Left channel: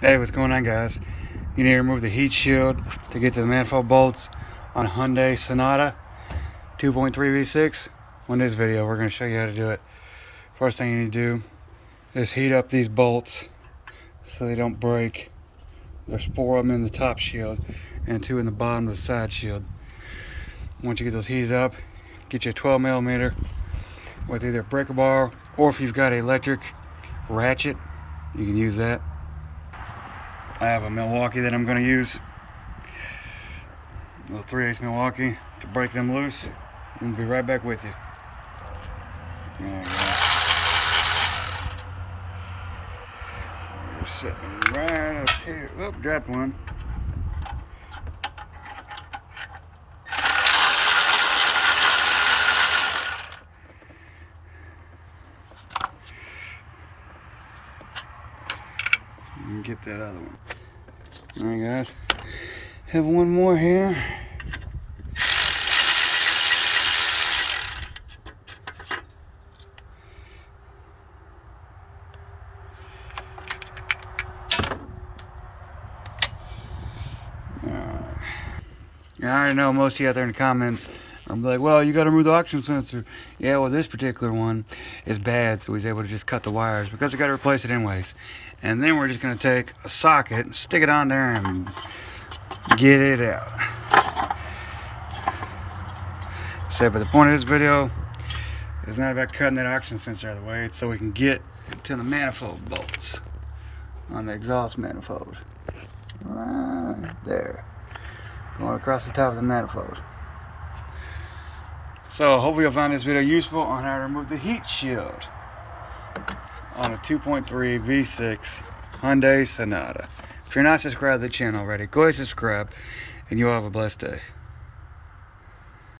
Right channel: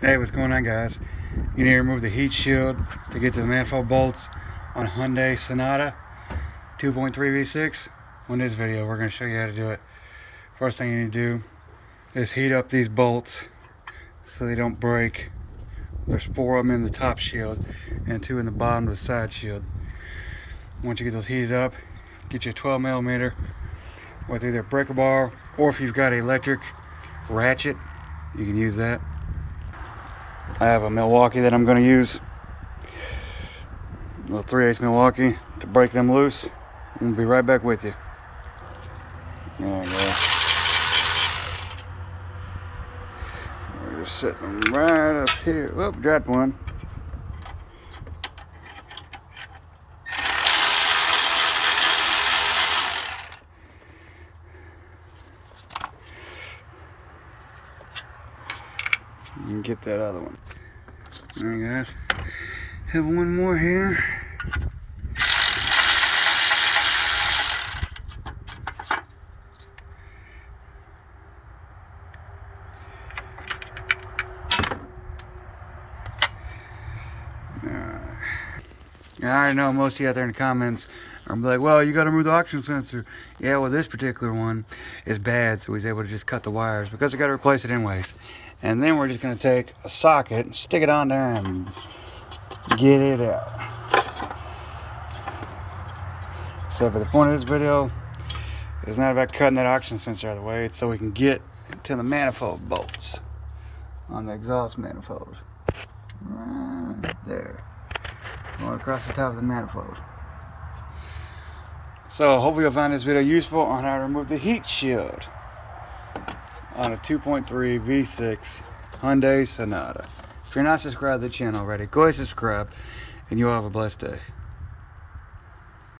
Hey, what's going on, guys? You need to remove the heat shield to get to the manifold bolts on a Hyundai Sonata 2.3 V6. On this video, we're going to show you how to do it. First thing you need to do is heat up these bolts so they don't break. There's 4 of them in the top shield and 2 in the bottom of the side shield. Once you get those heated up, get you a 12 millimeter with either a breaker bar, or if you've got an electric ratchet, you can use that. I have a Milwaukee that I'm going to use, a little 3/8 Milwaukee to break them loose. We'll be right back with you. There you go. They're sitting right up here. Whoop, dropped one. And get that other one. Alright, guys, have one more here. Alright. I already know most of you out there in the comments are gonna be like, well, you gotta remove the oxygen sensor. Yeah, well, this particular one is bad, so he's able to just cut the wires because we gotta replace it anyways. And then we're just gonna take a socket and stick it on there and get it out. So, but the point of this video is not about cutting that oxygen sensor out of the way. It's so we can get to the manifold bolts on the exhaust manifold. Right there. Going across the top of the manifold. So hopefully you'll find this video useful on how to remove the heat shield on a 2.3 V6 Hyundai Sonata. If you're not subscribed to the channel already, go ahead and subscribe, and you'll have a blessed day.